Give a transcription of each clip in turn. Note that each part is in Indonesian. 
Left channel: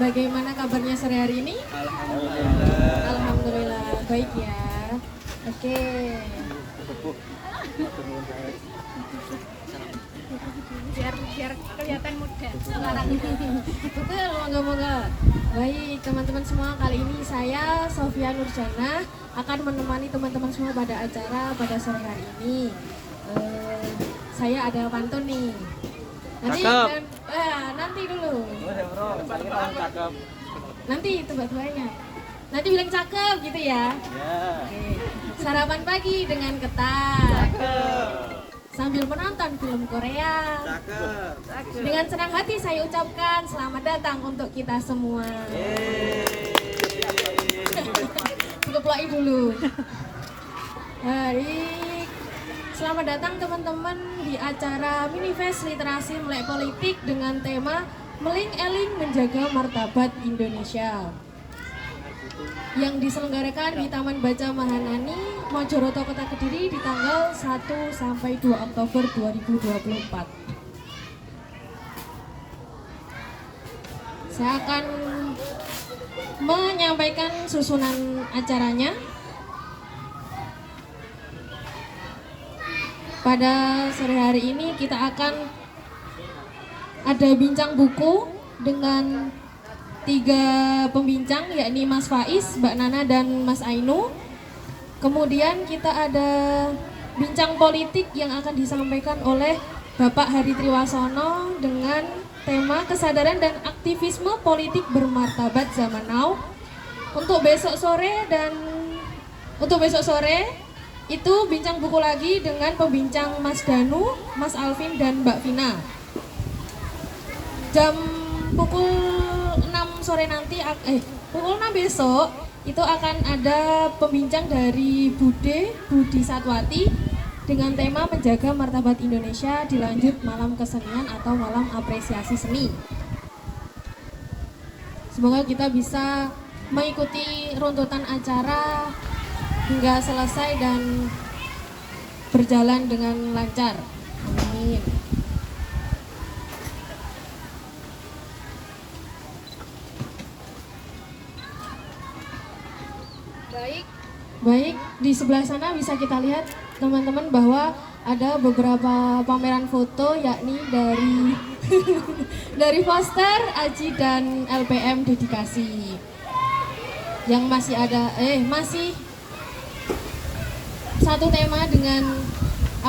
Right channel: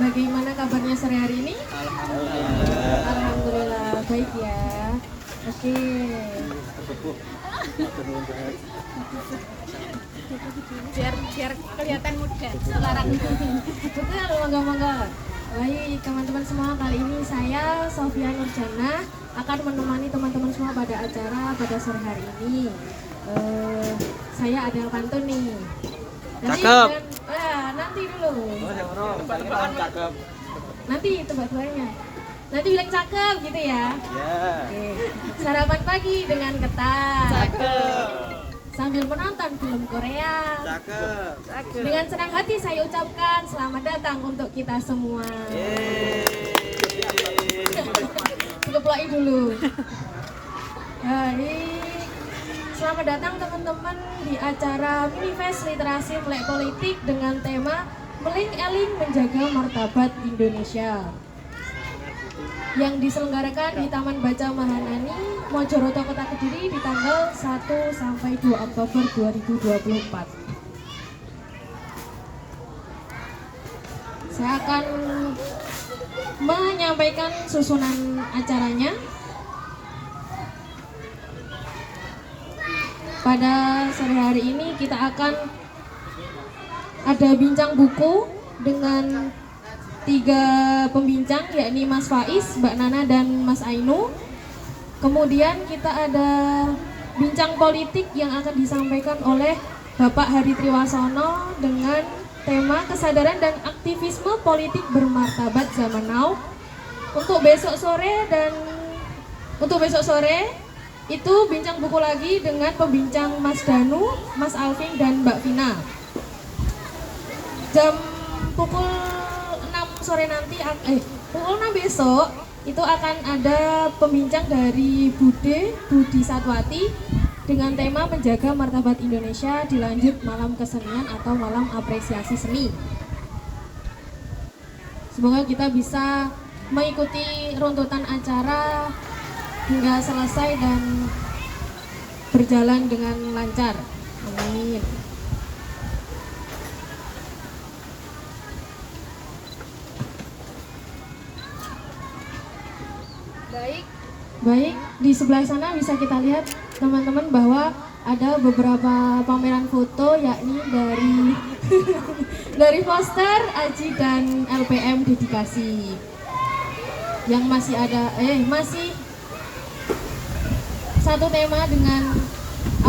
Bagaimana kabarnya sore hari ini? Alhamdulillah. Alhamdulillah, baik ya. Oke. biar kelihatan muda sekarang. Betul, moga-moga. Baik teman-teman semua, kali ini saya Sofia Nurjana akan menemani teman-teman semua pada acara pada sore hari ini. Saya ada pantun nih. Cakep. Nanti dulu. Cakep. Nanti tebak-tebakannya. Nanti bilang cakep gitu ya. Ya. Oke. Sarapan pagi dengan ketan. Sambil menonton film Korea. Cakep. Dengan senang hati saya ucapkan selamat datang untuk kita semua. Keploi dulu. Baik. Selamat datang teman-teman di acara Minifest Literasi Melek Politik dengan tema Meling-eling Menjaga Martabat Indonesia yang diselenggarakan di Taman Baca Mahanani, Mojoroto, Kota Kediri di tanggal 1 sampai 2 Oktober 2024. Saya akan menyampaikan susunan acaranya. Pada sore hari ini kita akan ada bincang buku dengan 3 pembincang, yakni Mas Faiz, Mbak Nana, dan Mas Ainu. Kemudian kita ada bincang politik yang akan disampaikan oleh Bapak Hari Triwasono dengan tema kesadaran dan aktivisme politik bermartabat zaman now. Untuk besok sore itu bincang buku lagi dengan pembincang Mas Danu, Mas Alvin, dan Mbak Vina. Jam pukul 6 sore nanti, pukul 6 besok itu akan ada pembincang dari Budi Satwati dengan tema menjaga martabat Indonesia, dilanjut malam kesenian atau malam apresiasi seni. Semoga kita bisa mengikuti runtutan acara hingga selesai dan berjalan dengan lancar. Amin. Baik, di sebelah sana bisa kita lihat teman-teman bahwa ada beberapa pameran foto, yakni dari dari poster Aji dan LPM dedikasi yang masih masih satu tema dengan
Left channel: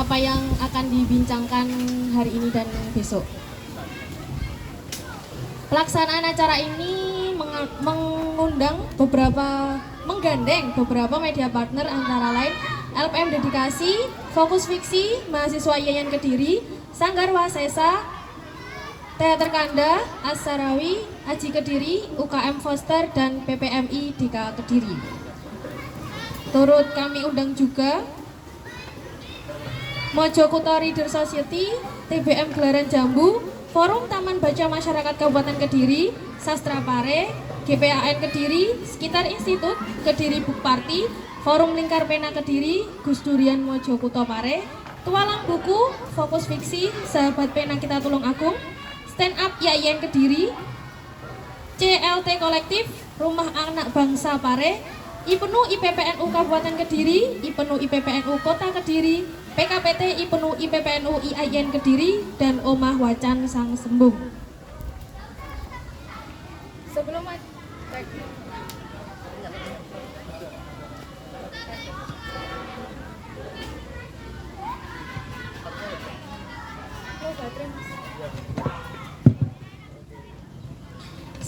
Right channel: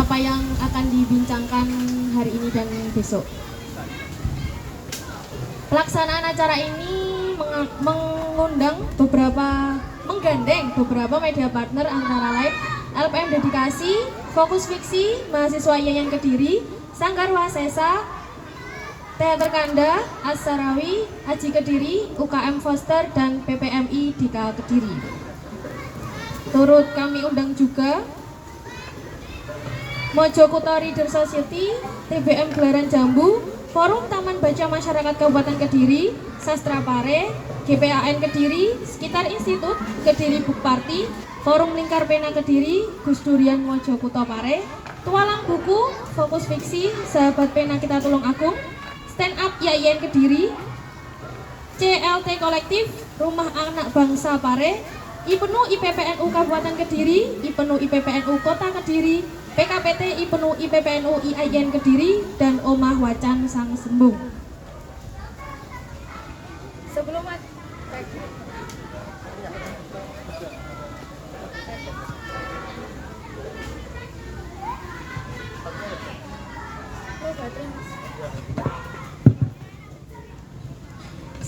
apa yang akan dibincangkan hari ini dan besok. Pelaksanaan acara ini menggandeng beberapa media partner, antara lain LPM Dedikasi, Fokus Fiksi, Mahasiswa Yayan Kediri, Sanggar Wasesa, Teater Kanda, As-Sarawi, Aji Kediri, UKM Foster, dan PPMI Dika Kediri. Turut kami undang juga Mojokuto Reader Society, TBM Gelaran Jambu, Forum Taman Baca Masyarakat Kabupaten Kediri, Sastra Pare, GPAN Kediri, Sekitar Institut, Kediri Book Party, Forum Lingkar Pena Kediri, Gus Durian Mojokuto Pare, Tualang Buku, Fokus Fiksi, Sahabat Pena Kita Tulung Agung, Stand Up YIN Kediri, CLT Kolektif, Rumah Anak Bangsa Pare, IPENU IPPNU Kabupaten Kediri, IPENU IPPNU Kota Kediri, PKPT IPENU IPPNU IAIN Kediri, dan Omah Wacan Sang Sembung. Sebelum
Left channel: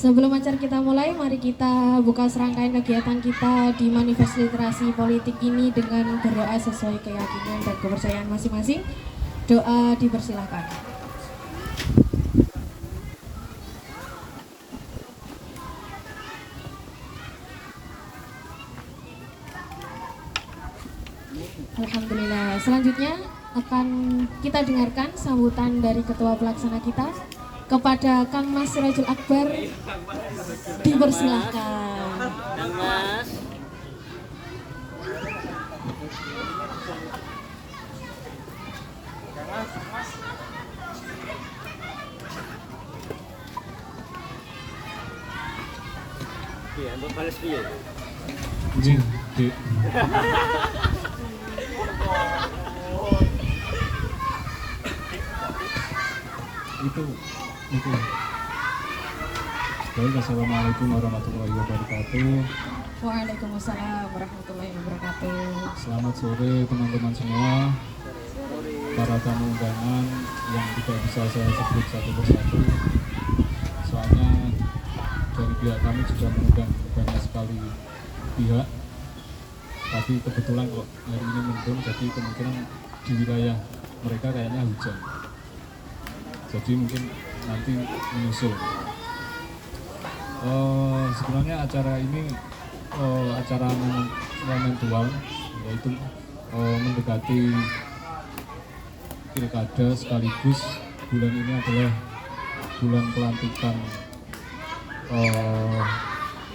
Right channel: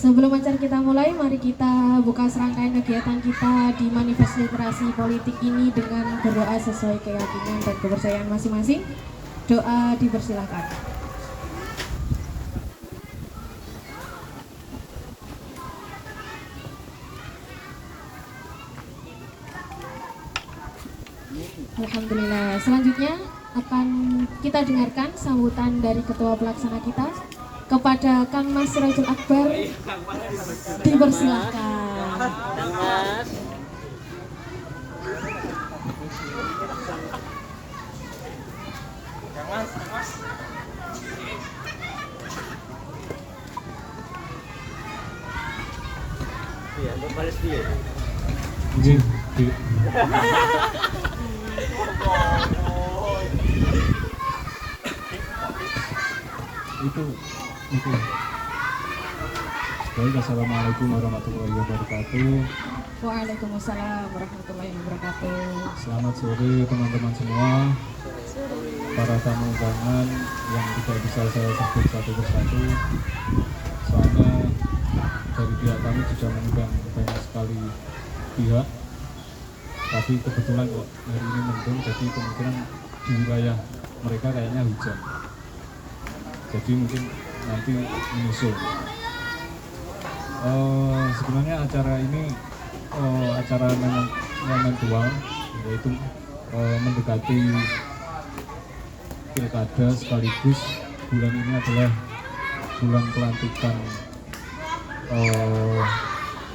Sebelum acara kita mulai, mari kita buka serangkaian kegiatan kita di Manifest Literasi Politik ini dengan berdoa sesuai keyakinan dan kepercayaan masing-masing. Doa dipersilahkan. Alhamdulillah. Selanjutnya akan kita dengarkan sambutan dari Ketua Pelaksana kita kepada Kang Mas Sirajul Akbar. Dipersilahkan. Iya, untuk balas video. Jing, Dik. Itu. Baik, assalamualaikum warahmatullahi wabarakatuh. Waalaikumsalam warahmatullahi wabarakatuh. Selamat sore teman-teman semua. Para tamu undangan yang tidak bisa saya sebut satu persatu. Soalnya dari pihak kami juga mengundang banyak sekali pihak. Tapi kebetulan kok hari ini mendung, jadi kemungkinan di wilayah mereka kayaknya hujan. Jadi mungkin nanti menyusul. Sebenarnya acara ini acara momentual, yaitu mendekati pilkada sekaligus bulan ini adalah bulan pelantikan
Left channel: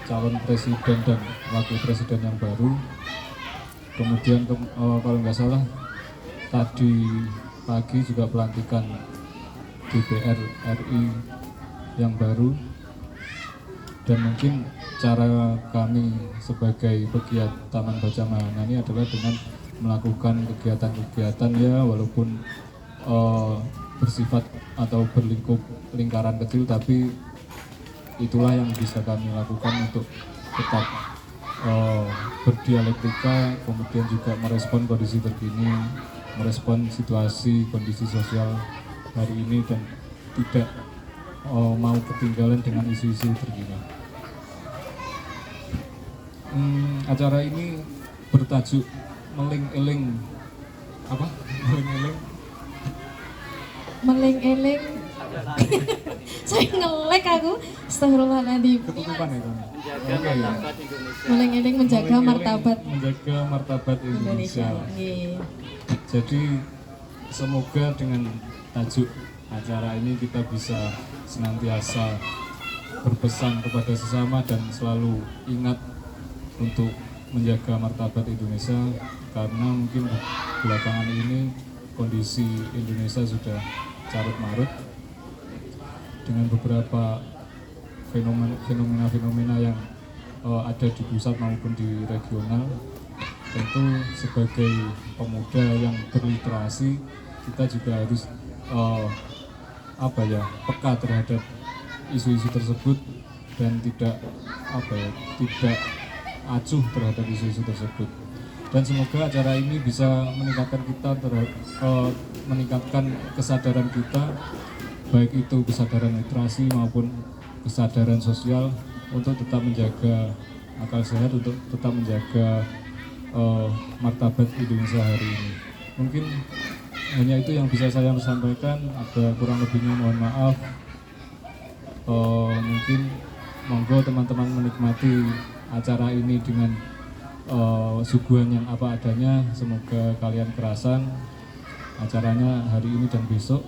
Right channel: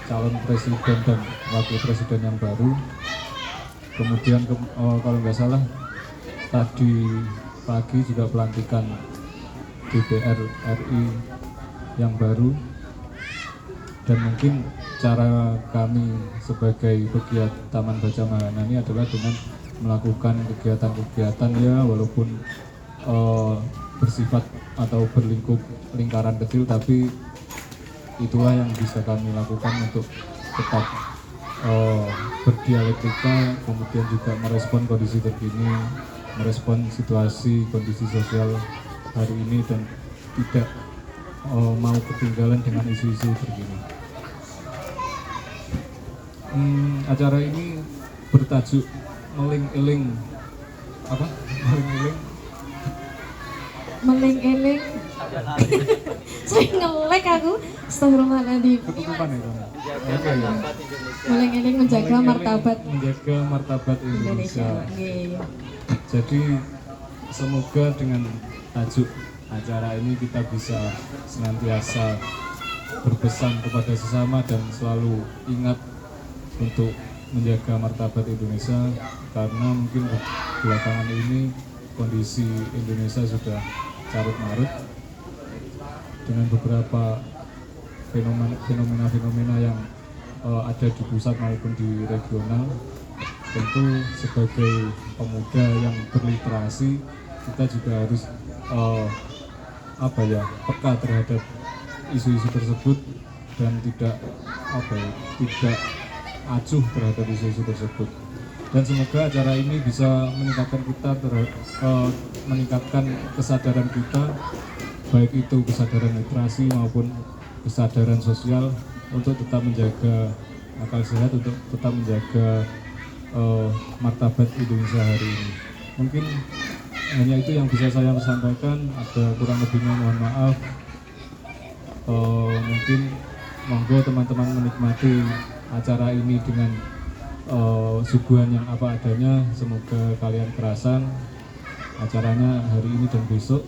calon presiden dan wakil presiden yang baru. Kemudian kalau nggak salah tadi pagi juga pelantikan DPR RI yang baru. Dan mungkin cara kami sebagai pegiat Taman Baca Mahana ini adalah dengan melakukan kegiatan-kegiatan ya walaupun bersifat atau berlingkup lingkaran kecil, tapi itulah yang bisa kami lakukan untuk tetap berdialektika, kemudian juga merespon kondisi terkini, merespon situasi kondisi sosial hari ini dan tidak mau ketinggalan dengan isu-isu terkini. Acara ini bertajuk Meling-eling apa? Meling-eling. Saya ngelek aku. Astagfirullahaladzim. Ketutupan itu. Oke. Meling-eling menjaga Meling-eling martabat Indonesia. Nggih. Jadi semoga dengan tajuk acara ini kita bisa senantiasa berpesan kepada sesama dan selalu ingat untuk menjaga martabat Indonesia, karena mungkin belakangan ini kondisi Indonesia sudah carut marut dengan beberapa fenomena yang ada di pusat maupun di regional. Tentu sebagai pemuda yang berliterasi kita juga harus peka terhadap isu-isu tersebut dan tidak acuh terhadap isu-isu tersebut. Dan semoga acara ini bisa meningkatkan kita meningkatkan kesadaran kita, baik itu kesadaran literasi maupun kesadaran sosial, untuk tetap menjaga akal sehat, untuk tetap menjaga martabat Indonesia hari ini. Mungkin hanya itu yang bisa saya sampaikan, ada kurang lebihnya mohon maaf. Mungkin monggo teman-teman menikmati acara ini dengan suguhan yang apa adanya. Semoga kalian kerasan acaranya hari ini dan besok,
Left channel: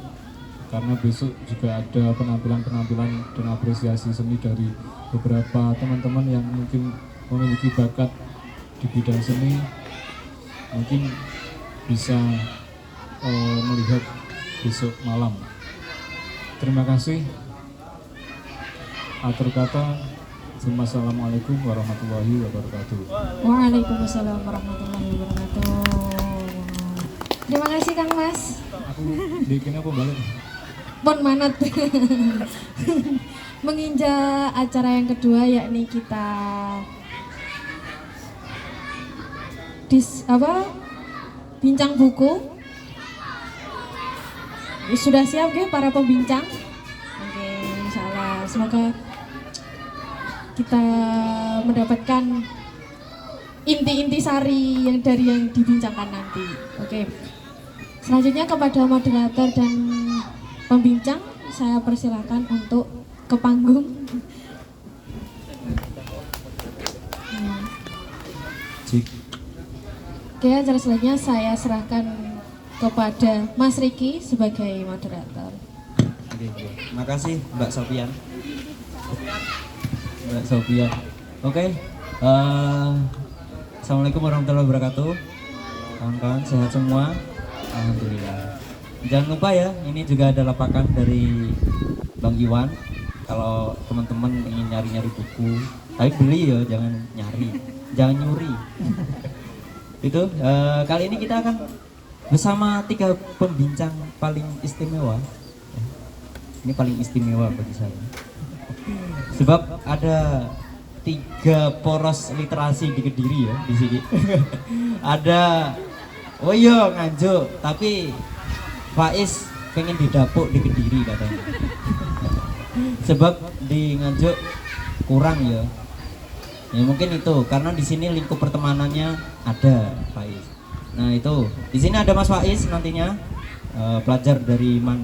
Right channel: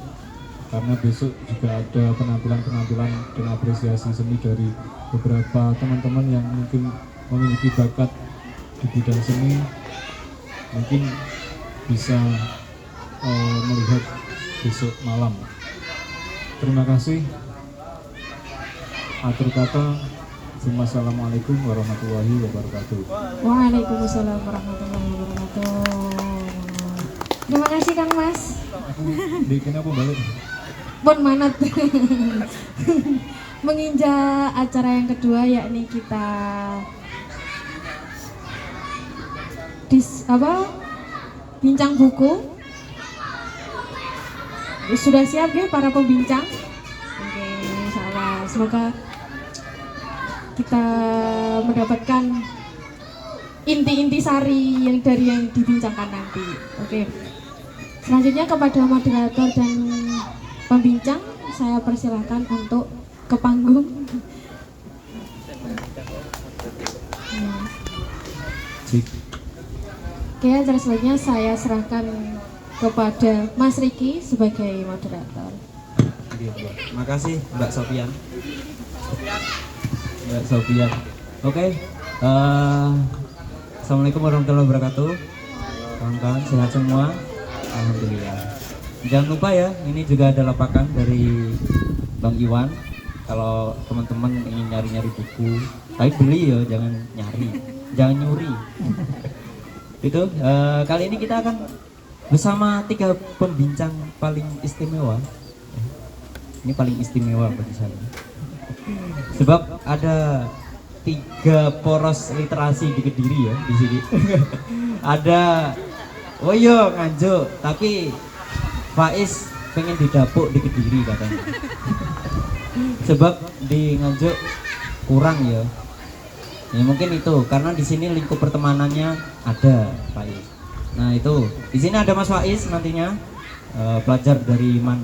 karena besok juga ada penampilan-penampilan dan apresiasi seni dari beberapa teman-teman yang mungkin memiliki bakat di bidang seni, mungkin bisa melihat besok malam. Terima kasih. Akhir kata, Assalamualaikum warahmatullahi wabarakatuh. Waalaikumsalam warahmatullahi wabarakatuh. Terima kasih Kang Mas. Aku bikin apa balik? Pun manat. Menginjak acara yang kedua, yakni kita bincang buku. Sudah siap ya para pembincang? Oke, insyaallah. Semoga kita mendapatkan inti-inti sari yang dibincangkan nanti. Oke. Selanjutnya kepada moderator dan pembincang, saya persilahkan untuk ke panggung. Ya. Oke, acara selanjutnya saya serahkan kepada Mas Riki sebagai moderator. Terima kasih Mbak Sofian. Oke. Assalamualaikum warahmatullahi wabarakatuh. Kawan-kawan sehat semua. Alhamdulillah. Jangan lupa ya, ini juga ada lapakan dari Bang Iwan. Kalau teman-teman ingin nyari-nyari buku Tapi beli ya, jangan nyari, jangan nyuri. Itu kali ini kita akan bersama 3 pembincang paling istimewa. Ini paling istimewa bagi saya. Sebab ada 3 poros literasi di Kediri ya di sini. Ada oh iya Nganjuk, tapi Faiz pengen didapuk di Kediri katanya. Sebab di Nganjuk kurang ya. Ya mungkin itu karena di sini lingkup pertemanannya ada Faiz. Nah itu di sini ada Mas Faiz nantinya pelajar dari MAN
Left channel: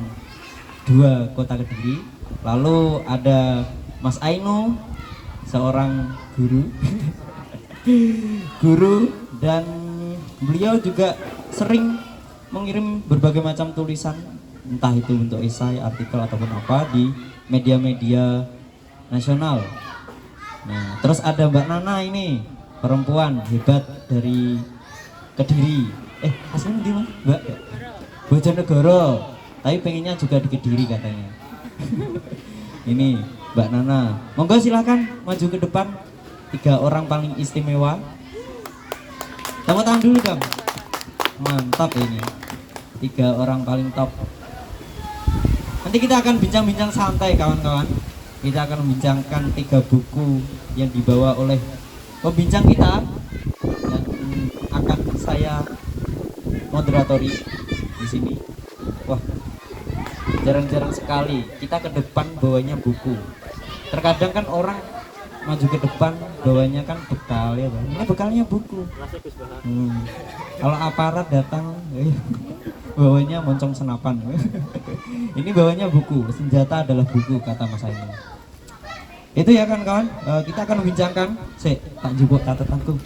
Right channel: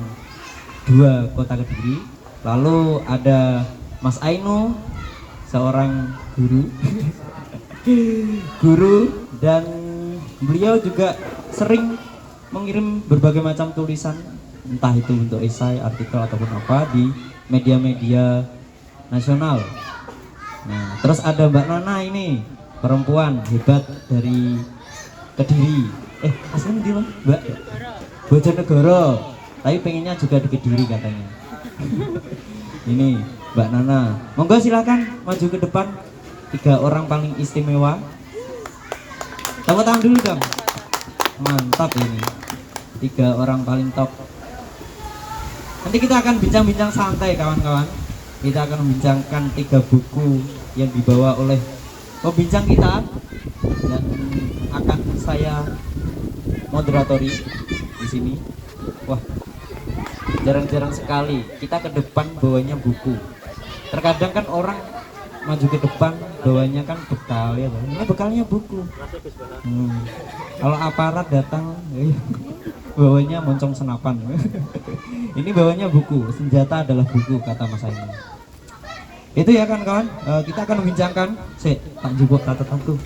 2 Kota Kediri. Lalu ada Mas Ainu seorang guru dan beliau juga sering mengirim berbagai macam tulisan entah itu untuk esai, artikel ataupun apa di media-media nasional. Nah, terus ada Mbak Nana ini perempuan hebat dari Kediri. Aslinya di mana Mbak? Bojonegoro. Tapi pengennya juga di Kediri katanya. Ini Mbak Nana. Monggo silakan maju ke depan. 3 orang paling istimewa. Tepuk tangan dulu dong. Mantap ini. 3 orang paling top. Nanti kita akan bincang-bincang santai kawan-kawan. Kita akan membincangkan 3 buku yang dibawa oleh pembincang kita dan akan saya moderatori di sini. Wah, jarang-jarang sekali kita ke depan bawanya buku. Terkadang kan orang maju ke depan bawanya kan bekal ya, ini bekalnya buku. Kalau aparat datang bawanya moncong senapan. Ini bawanya buku, senjata adalah buku kata Mas Aini. Itu ya kan kawan, kita akan membincangkan tak jebok catatanku.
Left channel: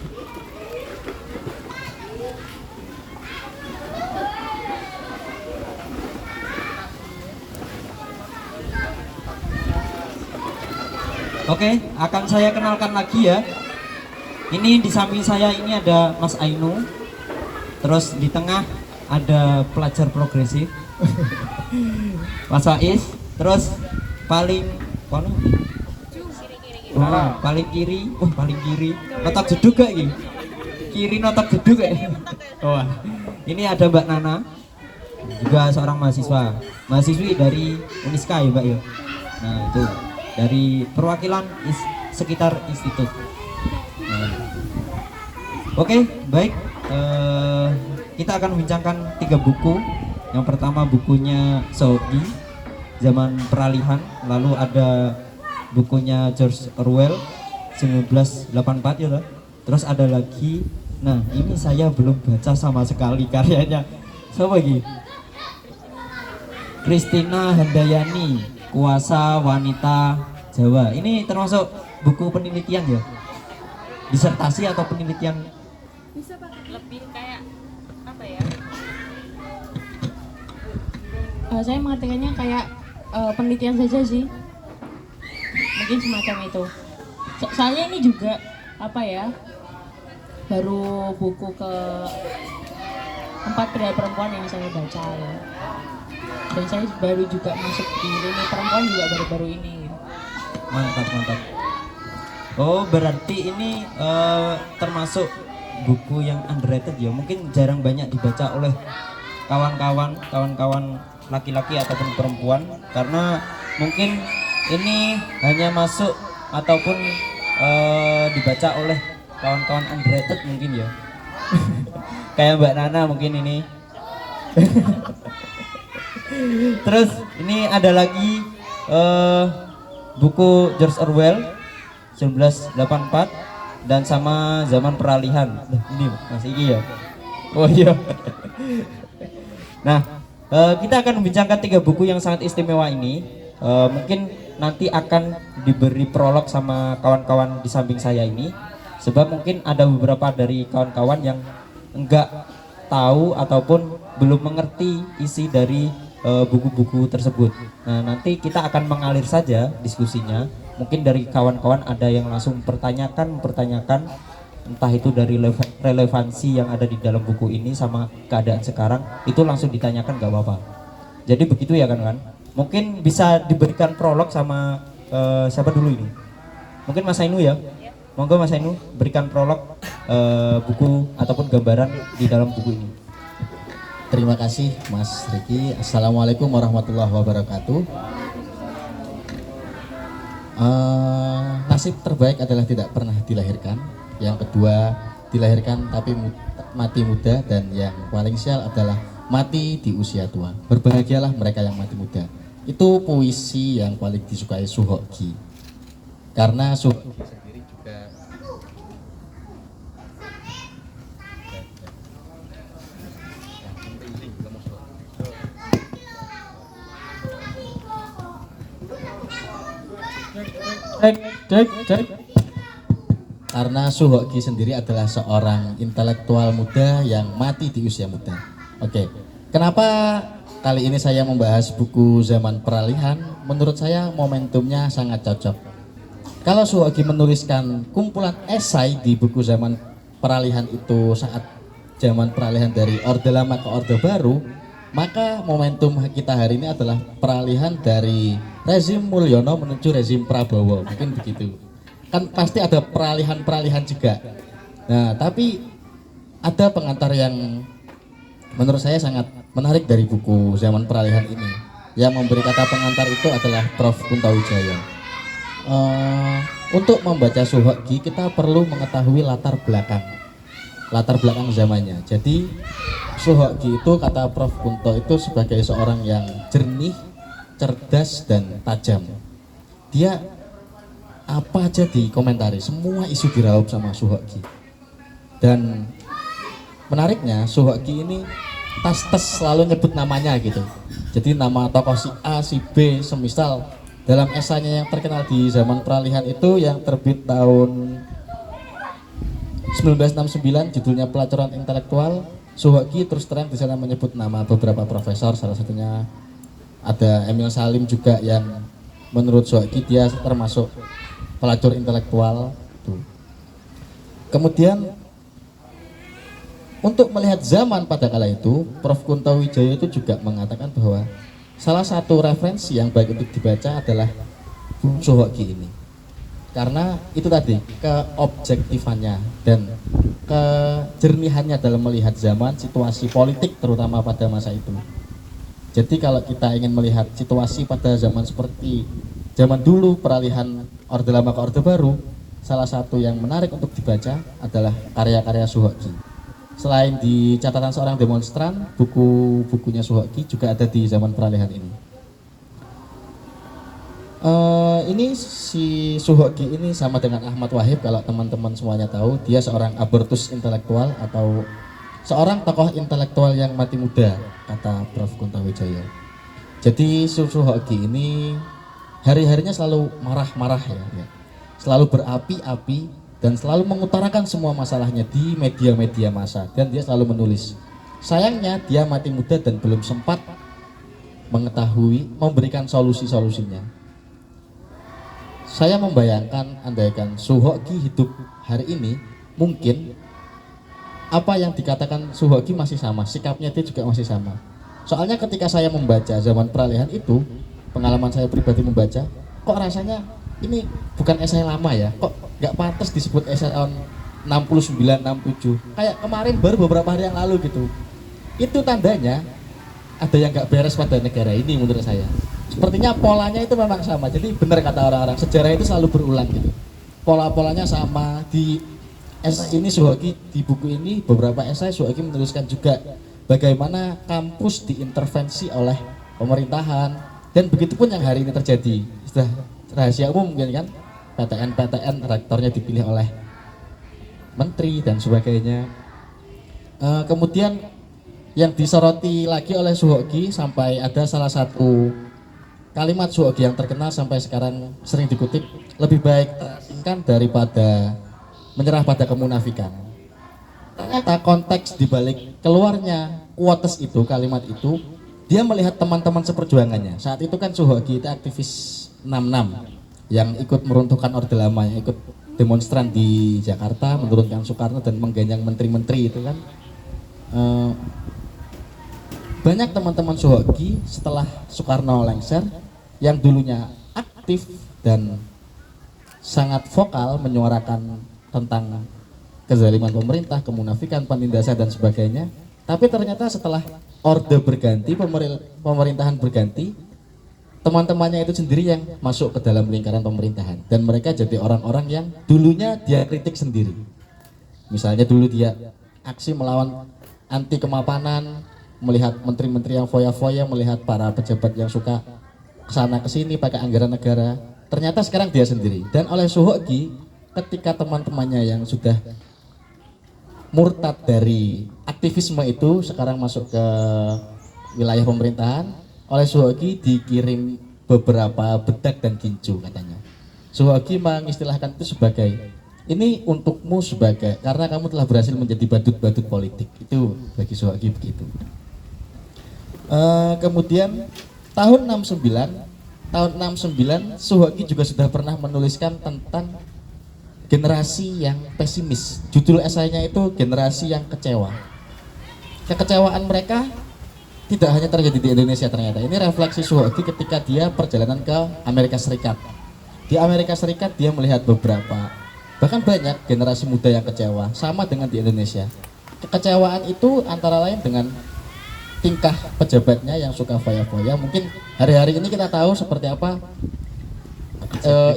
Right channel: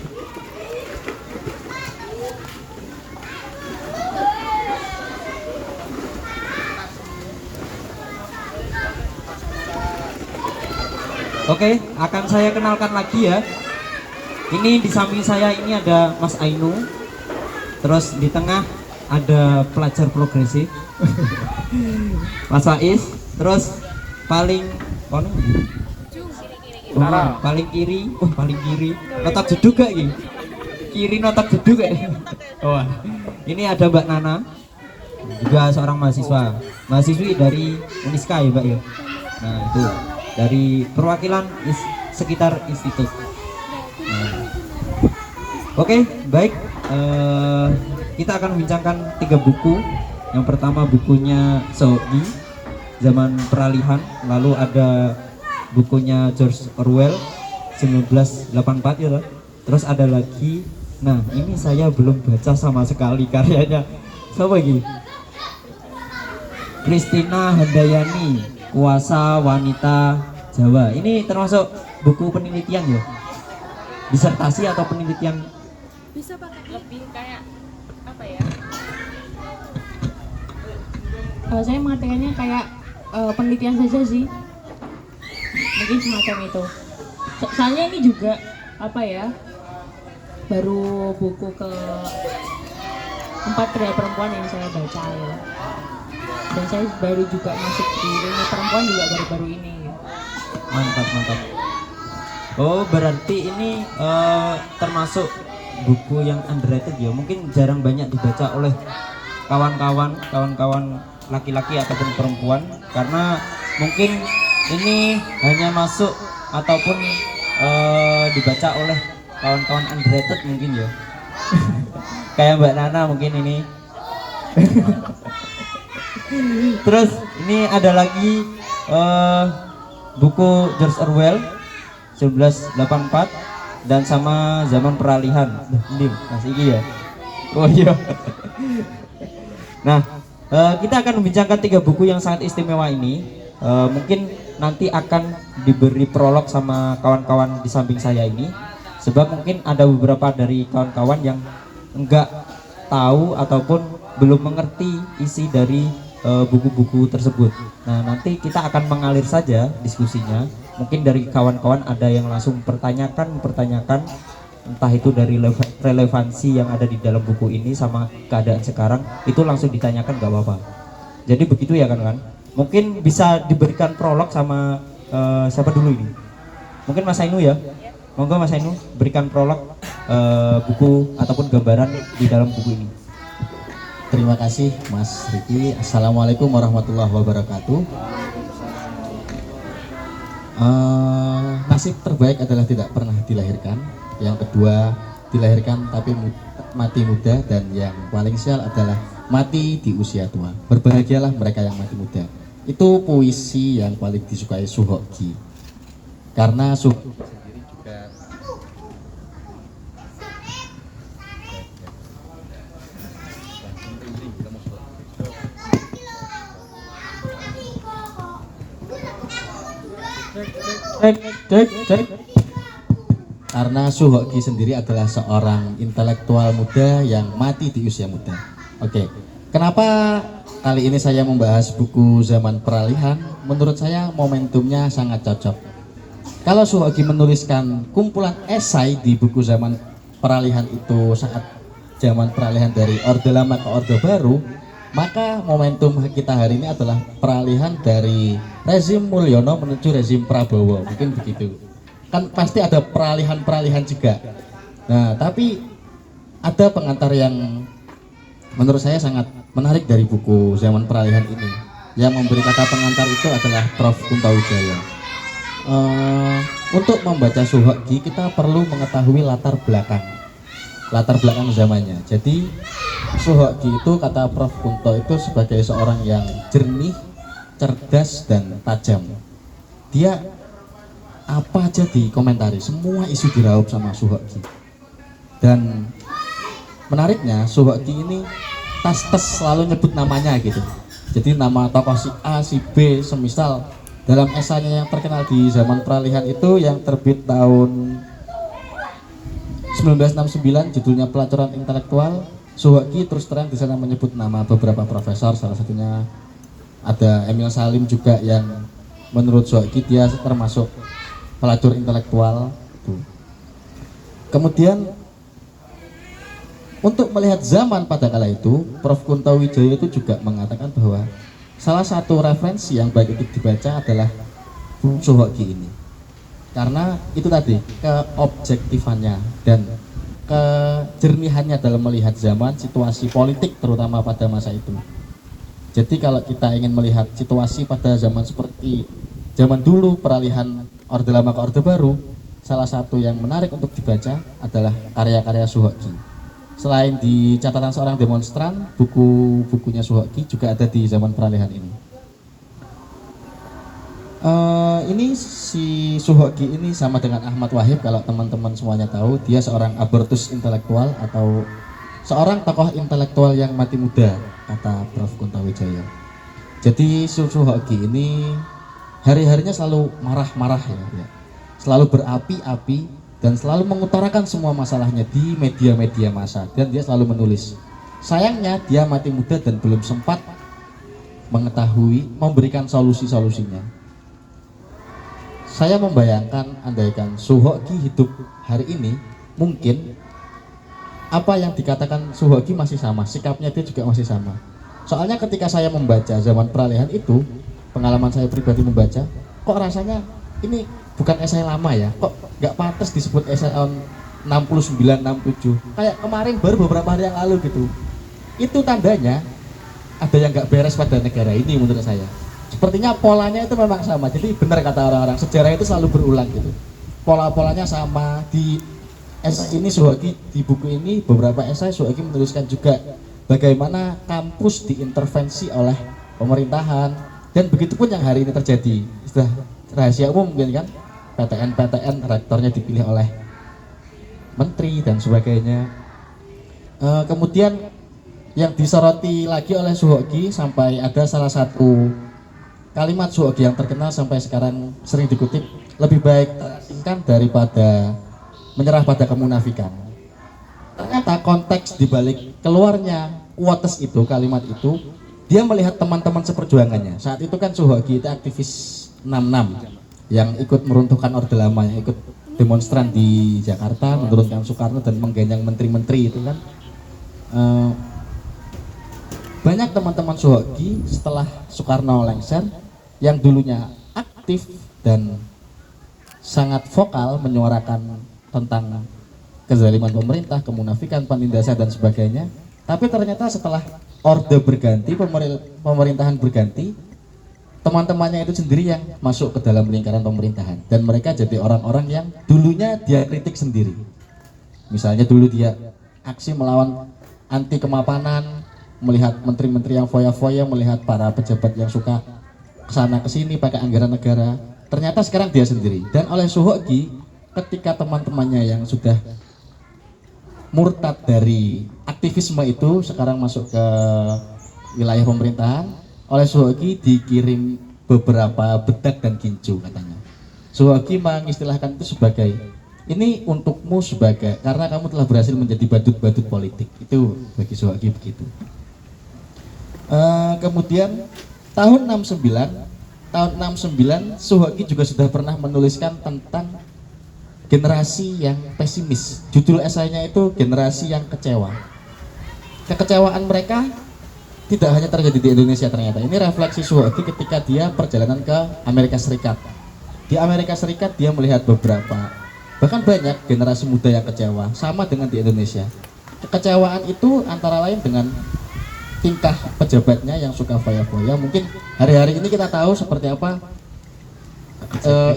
Oke, akan saya kenalkan lagi ya. Ini di samping saya ini ada Mas Ainu. Terus di tengah ada pelajar progresif Mas Faiz. Terus paling paling kiri, paling kiri notak jeduk gak ini? Kiri notak jeduk gak? Ini ada Mbak Nana, juga seorang mahasiswi dari Uniska ya Mbak ya. Nah itu dari perwakilan sekitar institut. Oke, baik. Kita akan membincangkan 3 buku. Yang pertama bukunya Sogi, Zaman Peralihan. Lalu ada bukunya George Orwell, 1984 ya loh. Terus ada lagi, nah ini saya belum baca sama sekali karyanya. Siapa lagi? Christina Handayani, Kuasa Wanita Jawa. Ini termasuk buku penelitian ya? Disertasi atau penelitian? Bisa pakai Lebih kayak apa ya? Saya mengartikannya kayak penelitian saja sih, mungkin semacam itu. Saya ini juga apa ya, baru buku ke 4 Pria Perempuan yang saya baca ya. Dan saya baru juga masuk di Lini Perempuan juga baru-baru ini. Mantap. Oh berarti ini termasuk buku yang underrated ya, mungkin jarang banyak dibaca oleh kawan-kawan laki-laki ataupun perempuan, karena mungkin ini hanya masuk ataupun dibaca oleh kawan-kawan underrated mungkin ya. Kayak Mbak Nana mungkin ini. Terus ini ada lagi buku George Orwell 1984 dan sama Zaman Peralihan. Ini Mas Iki ya. Oh iya. Nah, kita akan membincangkan 3 buku yang sangat istimewa ini. Mungkin nanti akan diberi prolog sama kawan-kawan di samping saya ini, sebab mungkin ada beberapa dari kawan-kawan yang enggak tahu ataupun belum mengerti isi dari buku-buku tersebut. Nah, nanti kita akan mengalir saja diskusinya. Mungkin dari kawan-kawan ada yang langsung pertanyakan, entah itu dari relevansi yang ada di dalam buku ini sama keadaan sekarang, itu langsung ditanyakan gak apa-apa. Jadi begitu ya kan? Mungkin bisa diberikan prolog sama siapa dulu ini? Mungkin Mas Ainu ya? Monggo Mas Enu berikan prolog buku ataupun gambaran di dalam buku ini. Terima kasih Mas Riki. Assalamualaikum warahmatullahi wabarakatuh. Nasib terbaik adalah tidak pernah dilahirkan. Yang kedua, dilahirkan tapi mati muda. Dan yang paling sial adalah mati di usia tua. Berbahagialah mereka yang mati muda. Itu puisi yang paling disukai Suhoki. Karena Suhoki sendiri juga karena Suhoki sendiri adalah seorang intelektual muda yang mati di usia muda. Oke, kenapa kali ini saya membahas buku Zaman Peralihan? Menurut saya momentumnya sangat cocok. Kalau Suhoki menuliskan kumpulan esai di buku Zaman Peralihan itu saat zaman peralihan dari Orde Lama ke Orde Baru, maka momentum kita hari ini adalah peralihan dari rezim Mulyono menuju rezim Prabowo, mungkin begitu. Kan pasti ada peralihan-peralihan juga. Nah, tapi ada pengantar yang menurut saya sangat menarik dari buku Zaman Peralihan ini. Yang memberi kata pengantar itu adalah Prof. Kunto Wijaya. Untuk membaca Suhoki kita perlu mengetahui latar belakang zamannya. Jadi Suhoki itu kata Prof. Kunto itu sebagai seorang yang jernih, cerdas dan tajam. Dia apa aja dikomentari, semua isu diraup sama Suhoki. Dan menariknya Suhoki ini tas-tas selalu nyebut namanya gitu. Jadi nama tokoh si A, si B, semisal dalam esainya yang terkenal di Zaman Peralihan itu yang terbit tahun 1969 judulnya Pelacuran Intelektual, Suhoki terus terang di sana menyebut nama beberapa profesor, salah satunya ada Emil Salim juga yang menurut Suhoki dia termasuk pelacur intelektual. Kemudian untuk melihat zaman pada kala itu, Prof. Kunto Wijaya itu juga mengatakan bahwa salah satu referensi yang baik untuk dibaca adalah Suhoki ini. Karena itu tadi, keobjektifannya dan kejernihannya dalam melihat zaman, situasi politik terutama pada masa itu. Jadi kalau kita ingin melihat situasi pada zaman seperti zaman dulu peralihan Orde Lama ke Orde Baru, salah satu yang menarik untuk dibaca adalah karya-karya Suhoki. Selain di catatan seorang demonstran, buku-bukunya Suhoki juga ada di Zaman Peralihan ini. Ini si Suhoki ini sama dengan Ahmad Wahid, kalau teman-teman semuanya tahu, dia seorang abortus intelektual atau seorang tokoh intelektual yang mati muda, kata Prof. Kunto Wijaya. Jadi Suhoki ini hari-harinya selalu marah-marah ya, selalu berapi-api dan selalu mengutarakan semua masalahnya di media-media massa, dan dia selalu menulis. Sayangnya dia mati muda dan belum sempat memberikan solusi-solusinya. Saya membayangkan andaikan Suhoki hidup hari ini, mungkin apa yang dikatakan Suhoki masih sama, sikapnya dia juga masih sama. Soalnya ketika saya membaca Zaman Peralihan itu, pengalaman saya pribadi membaca, kok rasanya ini bukan esai lama ya, kok nggak pantas disebut esai tahun 69, 67, kayak kemarin baru beberapa hari yang lalu gitu. Itu tandanya ada yang nggak beres pada negara ini menurut saya. Sepertinya polanya itu memang sama. Jadi benar kata orang-orang, sejarah itu selalu berulang gitu. Pola-polanya sama. Di esai ini Suhoki, di buku ini beberapa esai Suhoki menuliskan juga bagaimana kampus diintervensi oleh pemerintahan, dan begitu pun yang hari ini terjadi. Sudah rahasia umum mungkin kan, PTN rektornya dipilih oleh menteri dan sebagainya. Kemudian yang disoroti lagi oleh Suhoki, sampai ada salah satu kalimat Suhoki yang terkenal sampai sekarang sering dikutip, lebih baik terasingkan daripada menyerah pada kemunafikan. Ternyata konteks dibalik keluarnya quotes itu, kalimat itu, dia melihat teman-teman seperjuangannya. Saat itu kan Suhoki itu aktivis 66 yang ikut meruntuhkan Orde Lama, yang ikut demonstran di Jakarta, menurunkan Soekarno dan mengganjang menteri-menteri itu kan. Banyak teman-teman Suhoki setelah Soekarno lengser yang dulunya aktif dan sangat vokal menyuarakan tentang kezaliman pemerintah, kemunafikan, penindasan dan sebagainya. Tapi ternyata setelah orde berganti, pemerintahan berganti, teman-temannya itu sendiri yang masuk ke dalam lingkaran pemerintahan dan mereka jadi orang-orang yang dulunya dia kritik sendiri. Misalnya dulu dia aksi melawan anti kemapanan, melihat menteri-menteri yang foya-foya, melihat para pejabat yang suka kesana kesini pakai anggaran negara. Ternyata sekarang dia sendiri. Dan oleh Soehoki, ketika teman-temannya yang sudah murtad dari aktivisme itu sekarang masuk ke wilayah pemerintahan, oleh Soehoki dikirim beberapa bedak dan gincu katanya. Soehoki mengistilahkan itu sebagai ini untukmu sebagai karena kamu telah berhasil menjadi badut-badut politik. Itu bagi Soehoki begitu. Kemudian tahun 69 Soehoki juga sudah pernah menuliskan tentang generasi yang pesimis. Judul esainya itu generasi yang kecewa. Kekecewaan mereka tidak hanya terjadi di Indonesia ternyata. Ini refleksi Soehoki ketika dia perjalanan ke Amerika Serikat. Di Amerika Serikat dia melihat beberapa, bahkan banyak generasi muda yang kecewa, sama dengan di Indonesia. Kekecewaan itu antara lain dengan tingkah pejabatnya yang suka foya-foya. Mungkin hari-hari ini kita tahu seperti apa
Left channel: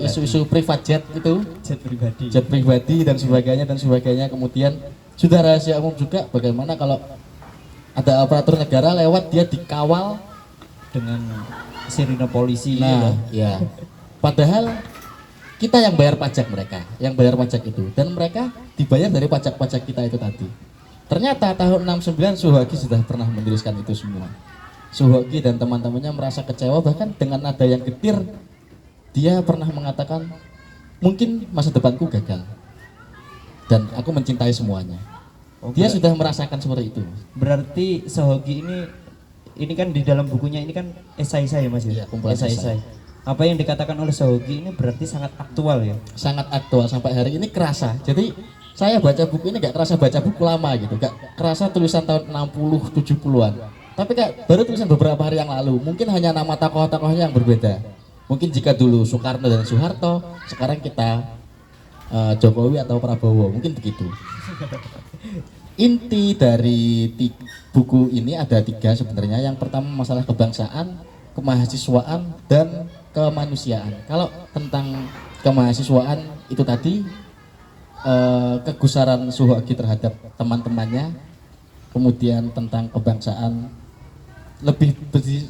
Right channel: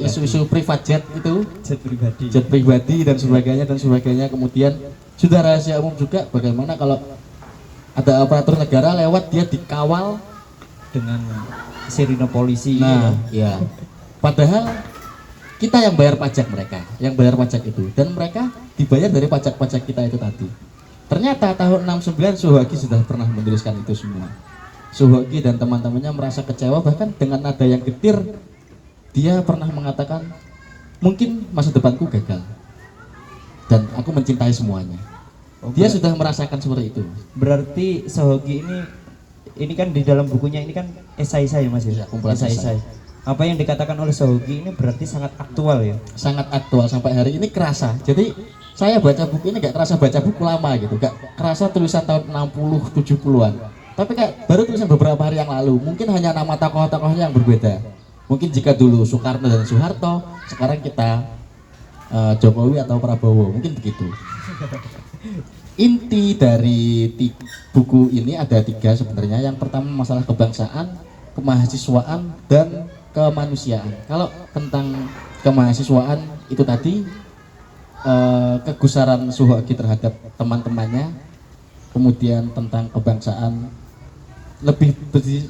isu-isu private jet itu, jet pribadi dan sebagainya. Kemudian sudah rahasia umum juga bagaimana kalau ada aparatur negara lewat dia dikawal dengan sirine polisi. Nah, ya. Padahal kita yang bayar pajak mereka, yang bayar pajak itu, dan mereka dibayar dari pajak-pajak kita itu tadi. Ternyata tahun 69 Soehoki sudah pernah menuliskan itu semua. Soehoki dan teman-temannya merasa kecewa, bahkan dengan nada yang getir dia pernah mengatakan mungkin masa depanku gagal dan aku mencintai semuanya. Dia sudah merasakan seperti itu. Berarti Soehoki ini kan di dalam bukunya ini kan esai-esai ya Mas ya, kumpulan esai. Apa yang dikatakan oleh Soehoki ini berarti sangat aktual ya? Sangat aktual sampai hari ini kerasa. Jadi saya baca buku ini gak kerasa baca buku lama gitu, gak kerasa tulisan tahun 60 70-an. Tapi kayak baru tulisan beberapa hari yang lalu. Mungkin hanya nama tokoh-tokohnya yang berbeda. Mungkin jika dulu Soekarno dan Soeharto, sekarang kita Jokowi atau Prabowo, mungkin begitu. Inti dari buku ini ada 3 sebenarnya. Yang pertama masalah kebangsaan, kemahasiswaan, dan kemanusiaan. Kalau tentang kemahasiswaan itu tadi kegusaran Soehoki terhadap teman-temannya, kemudian tentang kebangsaan lebih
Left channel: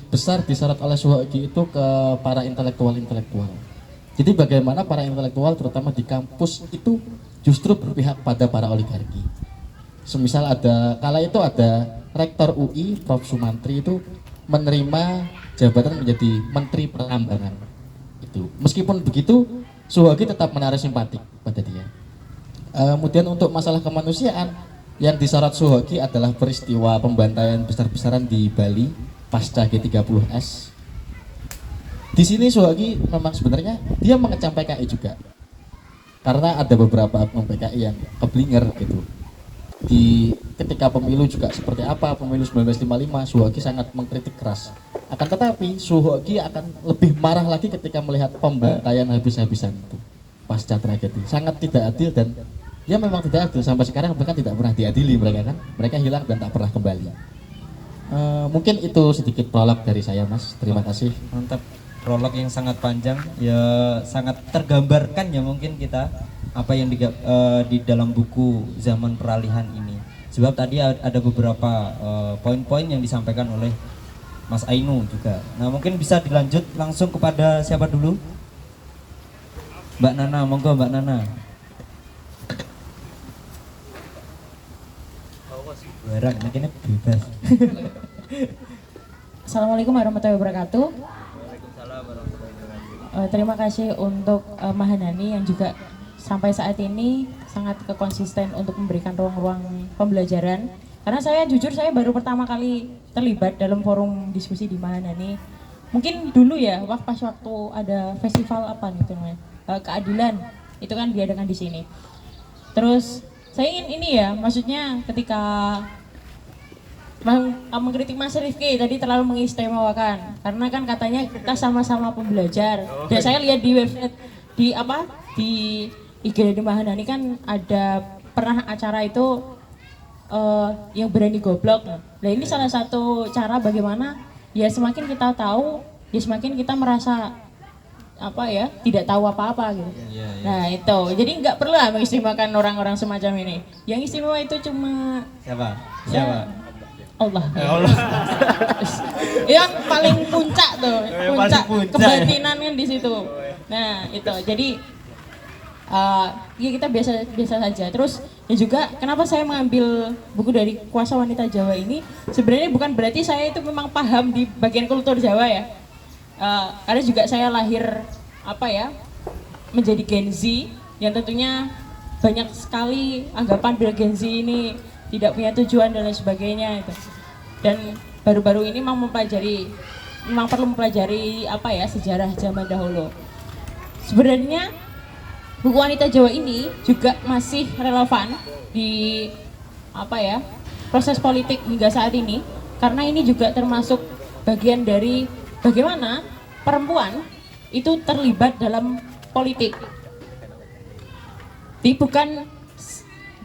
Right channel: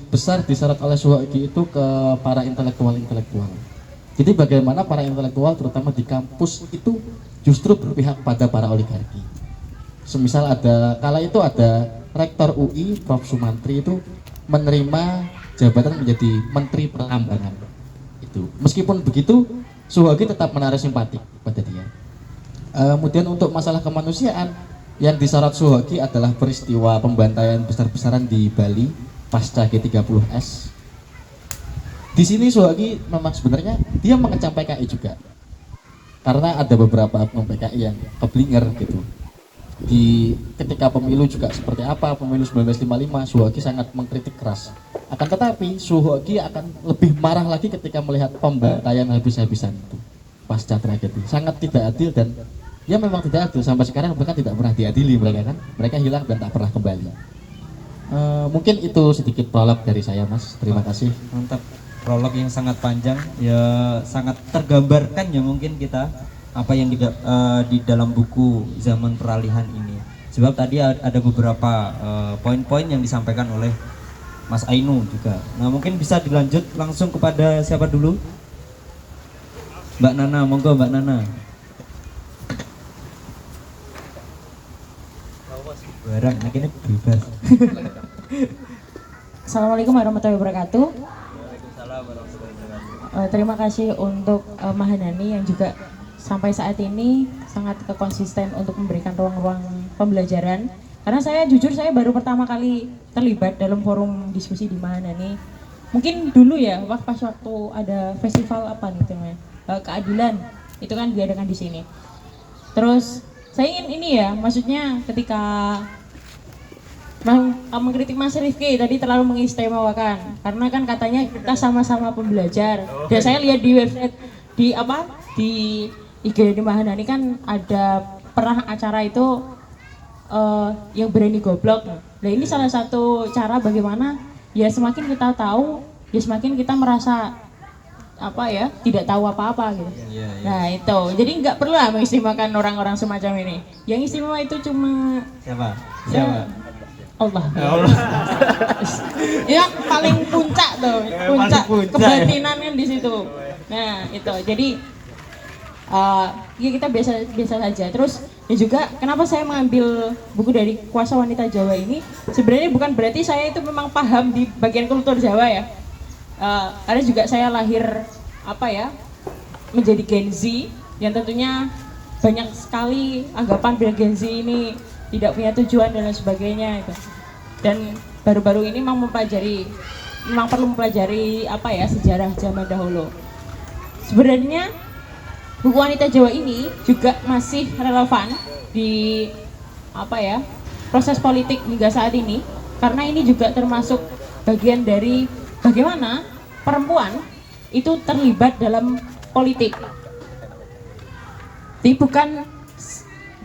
besar disyarat oleh Soehoki itu ke para intelektual. Jadi bagaimana para intelektual terutama di kampus itu justru berpihak pada para oligarki. Semisal kala itu ada rektor UI Prof Sumantri itu menerima jabatan menjadi menteri pertambangan. Itu meskipun begitu Soehoki tetap menarik simpatik pada dia. Kemudian untuk masalah kemanusiaan yang disyarat Soehoki adalah peristiwa pembantaian besar-besaran di Bali pasca G30S. Di sini Soehoki memang sebenarnya dia mengecam PKI juga, karena ada beberapa oknum PKI yang keblinger gitu. Ketika pemilu juga seperti apa, pemilu 1955 Soehoki sangat mengkritik keras. Akan tetapi Soehoki akan lebih marah lagi ketika melihat pembantaian habis-habisan itu pasca tragedi. Sangat tidak adil dan ya memang tidak adil, sampai sekarang bahkan tidak pernah diadili mereka kan. Mereka hilang dan tak pernah kembali. Mungkin itu sedikit prolog dari saya Mas. Terima kasih. Mantap. Prolog yang sangat panjang ya, sangat tergambarkan ya mungkin kita apa yang di dalam buku Zaman Peralihan ini. Sebab tadi ada beberapa poin-poin yang disampaikan oleh Mas Ainu juga. Nah mungkin bisa dilanjut langsung kepada siapa dulu? Mbak Nana, monggo Mbak Nana. Barang, ini bebas. Assalamualaikum warahmatullahi wabarakatuh. Waalaikumsalam warahmatullahi wabarakatuh. Terima kasih untuk Mahanani yang juga sampai saat ini sangat konsisten untuk memberikan ruang-ruang pembelajaran. Karena saya jujur saya baru pertama kali terlibat dalam forum diskusi di Mahanani. Mungkin dulu ya, pas waktu ada festival apa nih namanya, keadilan itu kan diadakan di sini. Terus saya ingin ini ya, maksudnya ketika mengkritik Mas Rifki tadi terlalu mengistimewakan, karena kan katanya kita sama-sama pembelajar. Dan saya lihat di website di IGD Mahanani kan ada pernah acara itu yang berani goblok. Nah, ini salah satu cara bagaimana ya semakin kita tahu, ya semakin kita merasa apa ya tidak tahu apa-apa gitu. Nah itu, jadi nggak perlu lah mengistimewakan orang-orang semacam ini. Yang istimewa itu cuma Siapa? ya, Allah. Ya paling puncak tuh, puncak kebatinan kan di situ. Nah itu, jadi ya kita biasa saja. Terus ya juga kenapa saya mengambil buku dari Kuasa Wanita Jawa ini, sebenarnya bukan berarti saya itu memang paham di bagian kultur Jawa ya. Karena juga saya lahir apa ya menjadi Gen Z yang tentunya banyak sekali anggapan bila Gen Z ini tidak punya tujuan dan lain sebagainya gitu. Dan baru-baru ini memang perlu mempelajari apa ya sejarah zaman dahulu. Sebenarnya buku Wanita Jawa ini juga masih relevan di apa ya proses politik hingga saat ini, karena ini juga termasuk bagian dari bagaimana perempuan itu terlibat dalam politik. Tapi bukan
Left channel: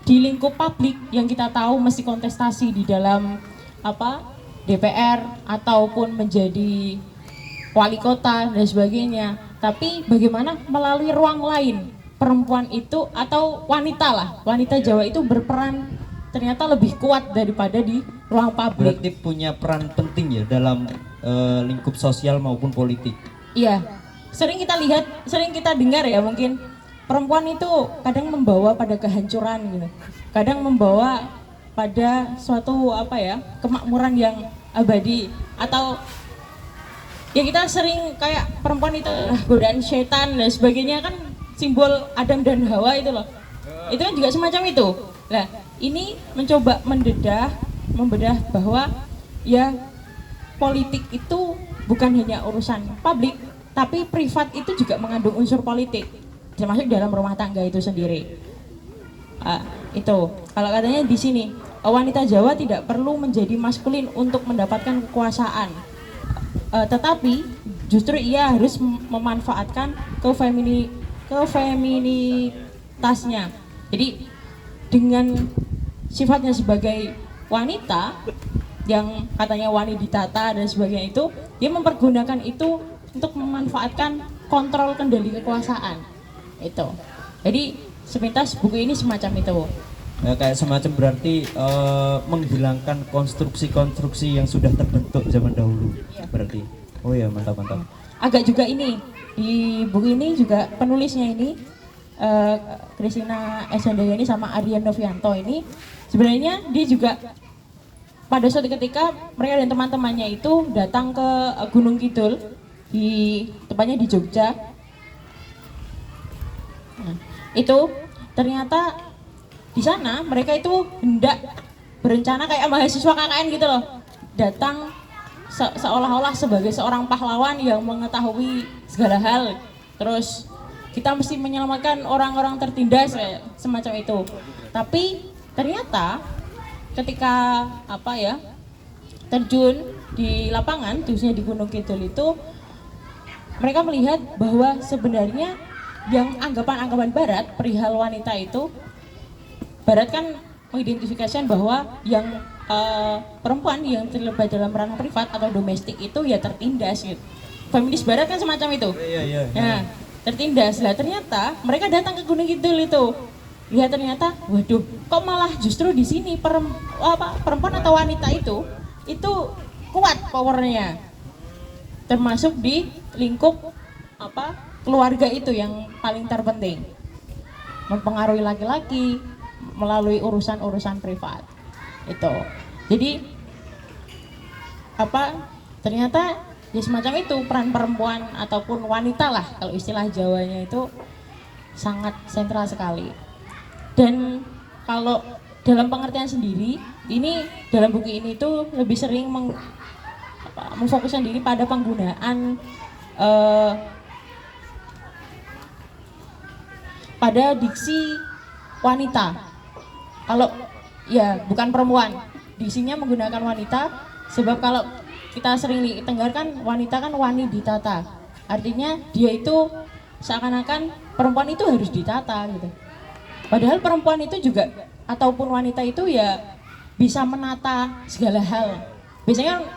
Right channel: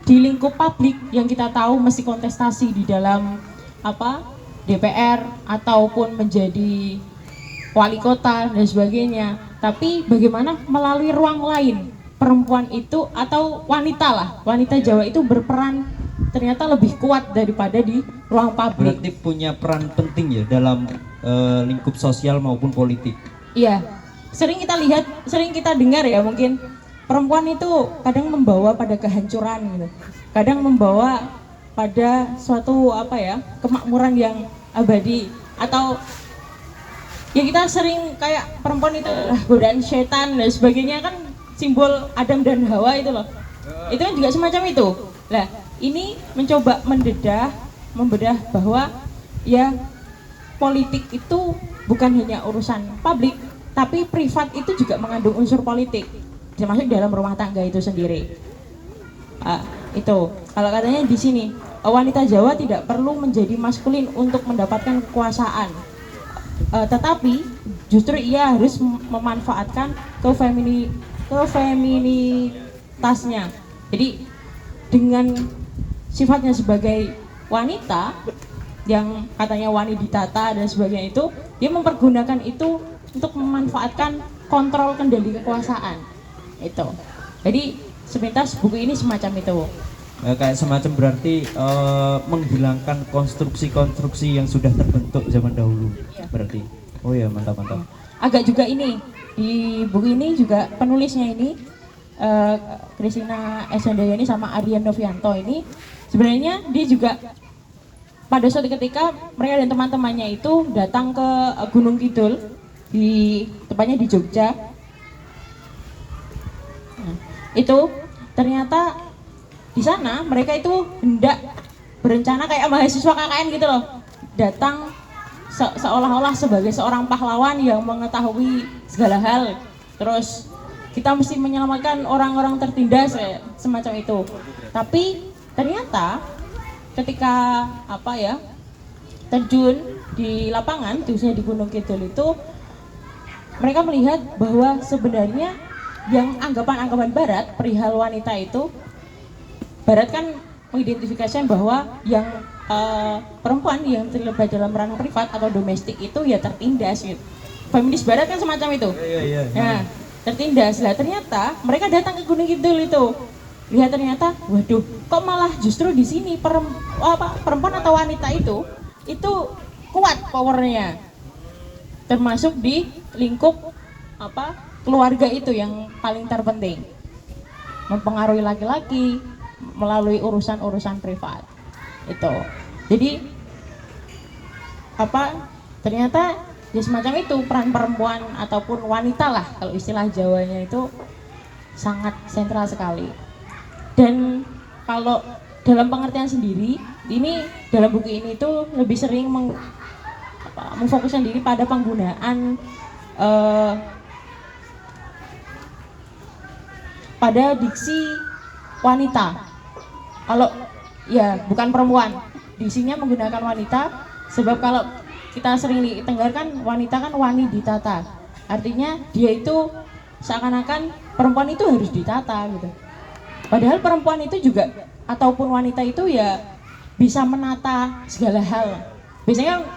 di lingkup publik yang kita tahu mesti kontestasi di dalam apa DPR ataupun menjadi wali kota dan sebagainya, tapi bagaimana melalui ruang lain perempuan itu atau wanita Jawa itu berperan ternyata lebih kuat daripada di ruang publik. Berarti punya peran penting ya dalam lingkup sosial maupun politik. Iya, sering kita lihat, sering kita dengar ya, mungkin perempuan itu kadang membawa pada kehancuran gitu, kadang membawa pada suatu apa ya kemakmuran yang abadi, atau ya kita sering kayak perempuan itu godaan setan dan sebagainya, kan simbol Adam dan Hawa itu loh. Itu kan juga semacam itu. Nah, ini mencoba membedah bahwa ya politik itu bukan hanya urusan publik, tapi privat itu juga mengandung unsur politik, termasuk dalam rumah tangga itu sendiri. Itu kalau katanya di sini wanita Jawa tidak perlu menjadi maskulin untuk mendapatkan kekuasaan, tetapi justru ia harus memanfaatkan kefeminitasnya. Jadi dengan sifatnya sebagai wanita yang katanya wani ditata dan sebagainya, itu dia mempergunakan itu untuk memanfaatkan kontrol kendali kekuasaan itu. Jadi sepintas buku ini semacam itu ya, kayak semacam berarti menghilangkan konstruksi-konstruksi yang sudah terbentuk zaman dahulu ya. Berarti oh ya, mantap. Agak juga ini di buku ini juga penulisnya ini Christina Esandayani sama Aryan Novianto ini, sebenarnya dia juga pada suatu ketika mereka dan teman-temannya itu datang ke Gunung Kidul, di tempatnya di Jogja. Nah, itu ternyata di sana mereka itu hendak berencana kayak mahasiswa KKN gitu loh, datang seolah-olah sebagai seorang pahlawan yang mengetahui segala hal, terus kita mesti menyelamatkan orang-orang tertindas semacam itu. Tapi ternyata ketika apa ya terjun di lapangan, khususnya di Gunung Kidul itu, mereka melihat bahwa sebenarnya yang anggapan-anggapan Barat perihal wanita itu, Barat kan mengidentifikasikan bahwa yang perempuan yang terlibat dalam ranah privat atau domestik itu ya tertindas gitu. Feminis Barat kan semacam itu. Nah, tertindas lah. Ternyata mereka datang ke Gunung Kidul itu, lihat ternyata, waduh, kok malah justru di sini perempuan atau wanita itu kuat powernya, termasuk di lingkup keluarga itu yang paling terpenting, mempengaruhi laki-laki melalui urusan-urusan privat itu. Jadi ternyata ya semacam itu peran perempuan ataupun wanita lah kalau istilah Jawanya itu sangat sentral sekali. Dan kalau dalam pengertian sendiri, ini dalam buku ini tuh lebih sering memfokuskan diri pada penggunaan pada diksi wanita. Kalau ya bukan perempuan, diksinya menggunakan wanita, sebab kalau kita sering didengarkan wanita kan wani ditata, artinya dia itu seakan-akan perempuan itu harus ditata gitu. Padahal perempuan itu juga ataupun wanita itu ya bisa menata segala hal. Biasanya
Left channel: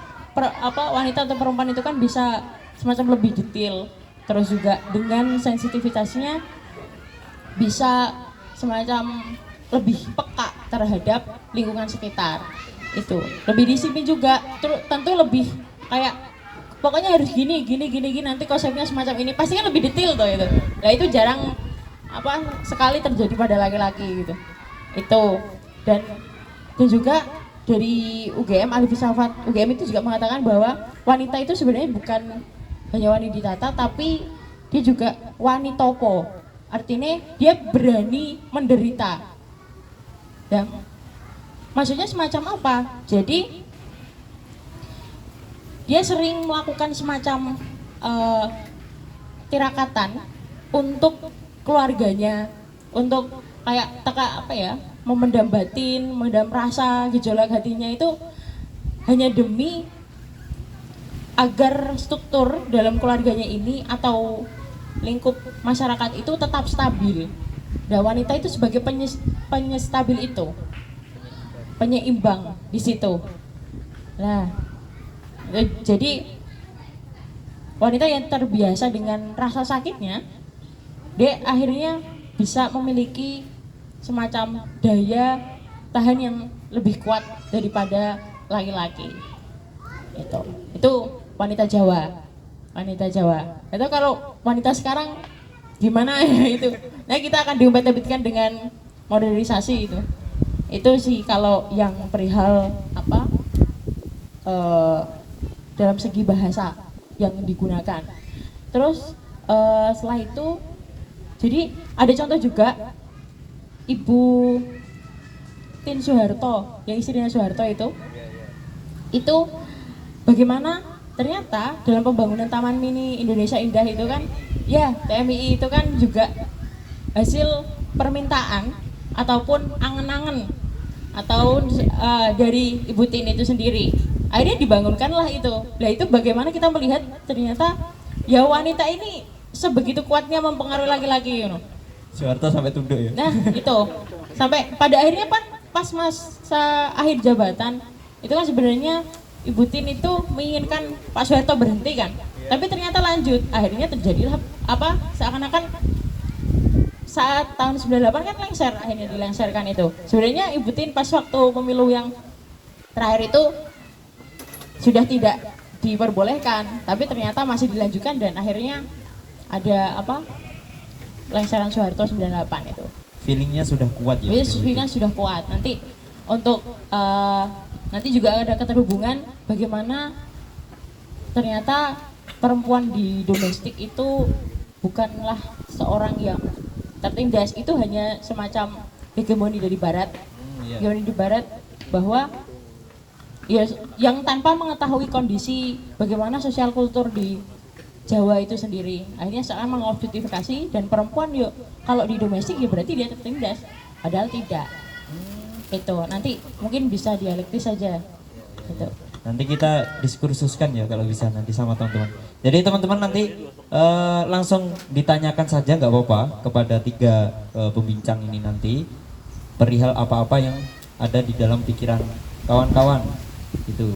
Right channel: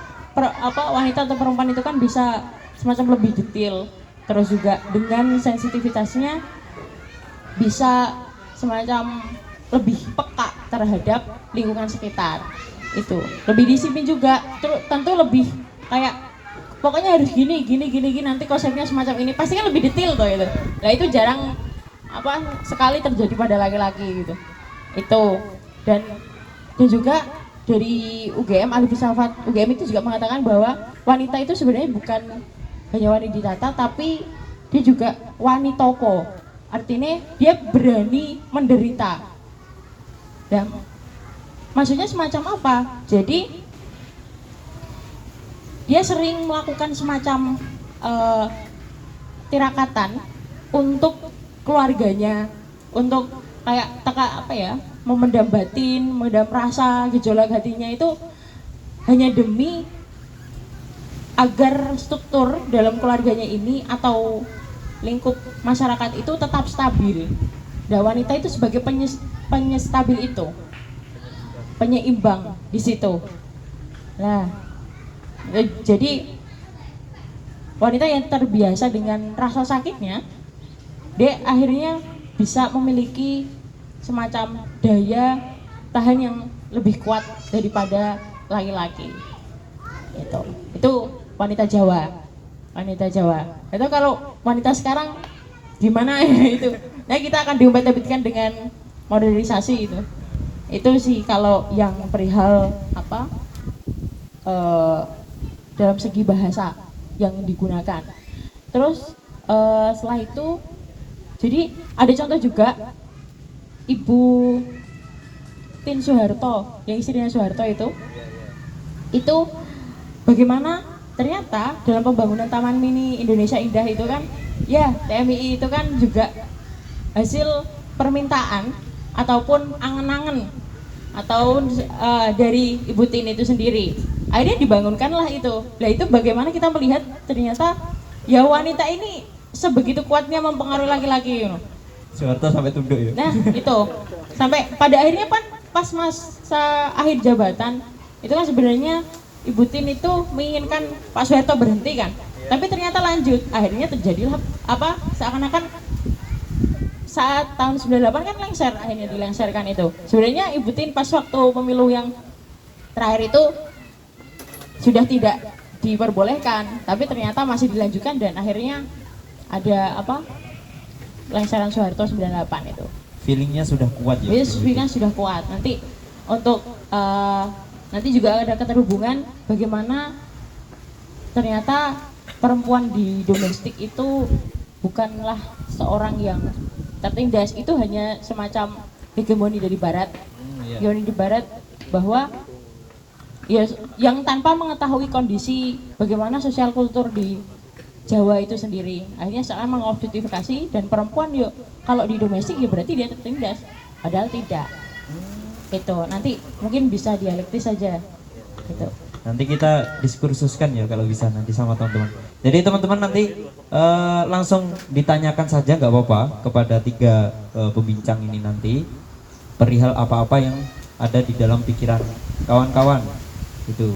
wanita atau perempuan itu kan bisa semacam lebih detail, terus juga dengan sensitivitasnya bisa semacam lebih peka terhadap lingkungan sekitar. Itu lebih disiplin juga, tentu lebih kayak pokoknya harus gini nanti konsepnya semacam ini, pasti kan lebih detail tuh itu. Nah itu jarang sekali terjadi pada laki-laki gitu. Itu dan juga dari UGM, ahli filsafat UGM itu juga mengatakan bahwa wanita itu sebenarnya bukan hanya wani ditata, tapi dia juga wani topo. Artinya dia berani menderita. Ya, maksudnya semacam apa? Jadi dia sering melakukan semacam tirakatan untuk keluarganya, untuk kayak memendam batin, memendam rasa, gejolak hatinya itu hanya demi agar struktur dalam keluarganya ini atau lingkup masyarakat itu tetap stabil. Nah, wanita itu sebagai penyestabil itu, penyeimbang di situ. Nah, jadi wanita yang terbiasa dengan rasa sakitnya, dia akhirnya bisa memiliki semacam daya tahan yang lebih kuat daripada laki-laki. Itu wanita Jawa. Itu kalau wanita sekarang gimana ya itu? Nah kita akan diumpet-umpetkan dengan modernisasi itu. Itu sih kalau yang perihal dalam segi bahasa yang digunakan. Terus setelah itu, jadi ada contoh juga Ibu Tin Soeharto, yang istrinya Soeharto itu bagaimana ternyata dalam pembangunan Taman Mini Indonesia Indah itu kan, ya TMI itu kan juga hasil permintaan ataupun angen-angen atau dari Ibu Tin itu sendiri. Akhirnya dibangunkanlah itu. Nah itu bagaimana kita melihat ternyata ya wanita ini sebegitu kuatnya mempengaruhi laki-laki. Soeharto sampai tunduk ya. Nah itu sampai pada akhirnya pas masa akhir jabatan itu kan sebenarnya Ibu Tin itu menginginkan Pak Soeharto berhenti kan, tapi ternyata lanjut. Akhirnya terjadilah seakan-akan saat tahun 98 kan lengser, akhirnya dilengserkan itu. Sebenarnya Ibu Tin pas waktu pemilu yang terakhir itu sudah tidak diperbolehkan, tapi ternyata masih dilanjutkan dan akhirnya ada lengseran Soeharto 98 itu. Feelingnya sudah kuat ya. Jadi feelingnya sudah kuat. Nanti untuk nanti juga ada keterhubungan bagaimana ternyata perempuan di domestik itu bukanlah seorang yang tertindas, itu hanya semacam hegemoni dari barat. Hegemoni dari barat bahwa ya yang tanpa mengetahui kondisi bagaimana sosial kultur di Jawa itu sendiri, akhirnya seakan mengobjektifikasi dan perempuan yuk kalau di domestik ya berarti dia tertindas, padahal tidak. Itu nanti mungkin bisa dialektis saja gitu. Nanti kita diskursuskan ya kalau bisa nanti sama teman-teman. Jadi teman-teman nanti langsung ditanyakan saja nggak apa-apa kepada tiga pembincang ini nanti perihal apa-apa yang ada di dalam pikiran kawan-kawan gitu.